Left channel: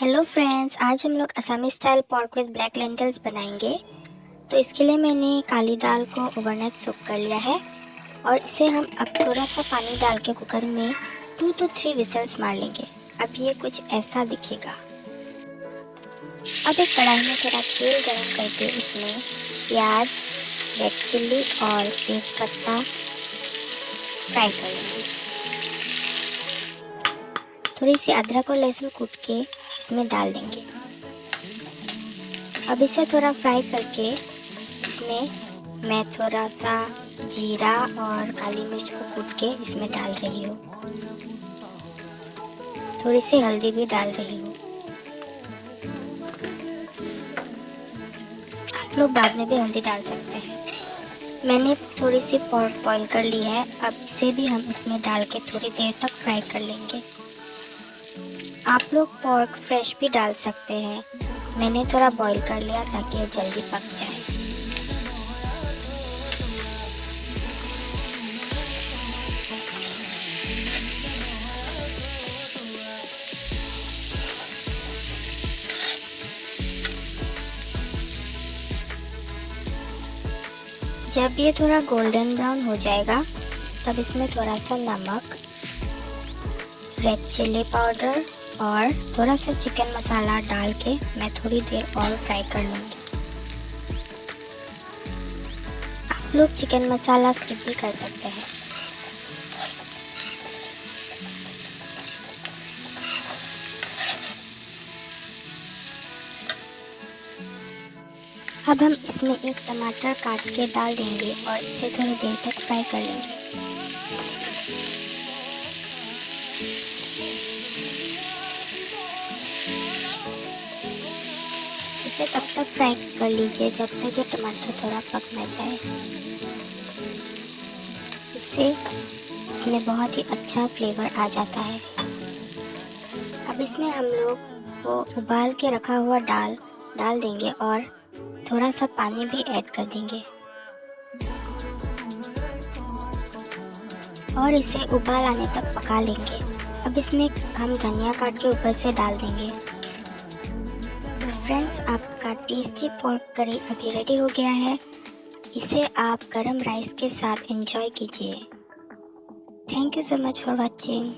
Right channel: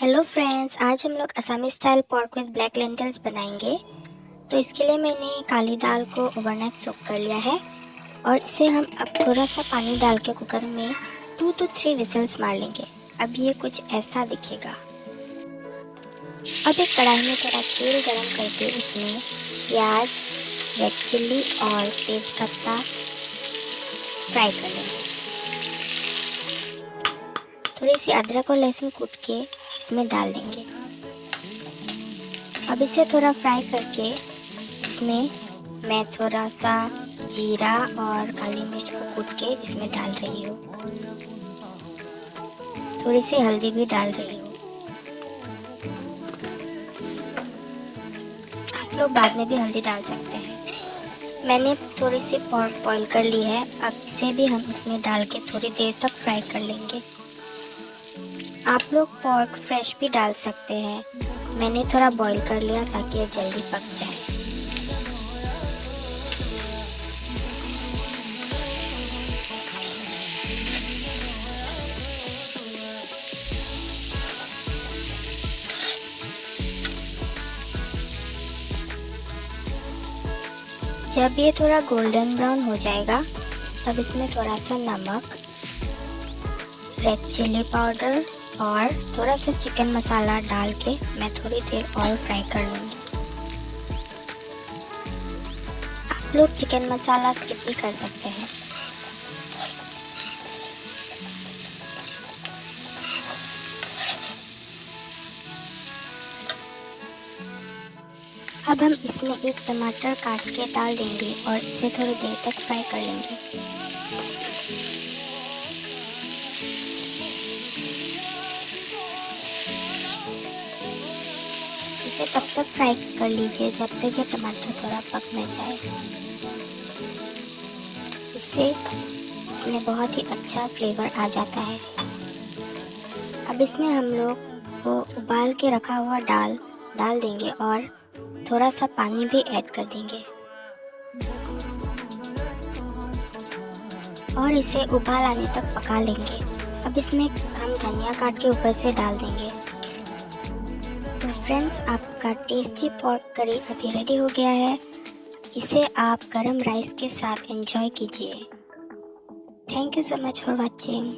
Hello friends, आज हम लोग Assamese style pork with black lentils बनाएंगे। तो इसके लिए मैंने काली दाल को ओवरनाइट सोक कर लिया है और इसे हम अब थोड़ा सा पानी डाल के कुकर में 2 to 3 विसल्स मार लेंगे। अब ये कुछ ऐसा दिखेगा। अब एक कढ़ाई में थोड़ा तेल गरम करके इसमें प्याज, रेड चिल्ली और तेज पत्ता फ्राई कर लेंगे। थोड़ी सी अदरक और लहसुन कूट के इसमें डाल देंगे। अब इसे थोड़ा फ्राई करके इसमें मैं थोड़ा सा जीरा और काली मिर्च को कूट के इसमें डाल रही हूँ। थोड़ी सी हल्दी भी डाल रही हूँ। आप लोग बाद में भी हल्दी डाल सकते हैं। मैंने थोड़ी सी पोर्क बॉईल कर ली है। अब इसे भी हम इसमें डाल के थोड़ी देर तक फ्राई कर लेंगे। आप लोग पोर्क फ्रेश भी डाल सकते हैं। मैंने थोड़ा बॉईल कर लिया ताकि ये जल्दी पक जाए। जब ये थोड़ा गोल्डन ब्राउन हो जाएगा तब इसमें थोड़ा सा नमक, रेड चिली पाउडर और थोड़ा सा चिकन मसाला डाल के मैं थोड़ी देर और फ्राई कर लूँगी। आप लोग चिकन मसाला स्किप भी कर सकते हैं। अब हम इसमें एक टमाटर काट के डाल देंगे और इसे थोड़ी देर तक फ्राई कर लेंगे। इसे तब तक फ्राई कर लीजिए जब तक ये टमाटर थोड़ा पक न जाए। इसमें बहुत ही अच्छा फ्लेवर आ जाता है। अब इसमें हम लोग वो उबाल के रखा हुआ दाल डाल देंगे और थोड़ा सा पानी भी ऐड कर देंगे और इसे उबाल आने तक पका लेंगे। अब इसमें हम धनिया काट के ऊपर से डाल देंगे। तो फ्रेंड्स, आपका टेस्टी पोर्क करी अभी रेडी हो गया है। इसे आप गरम राइस के साथ एंजॉय कीजिए। Thank you so much for watching.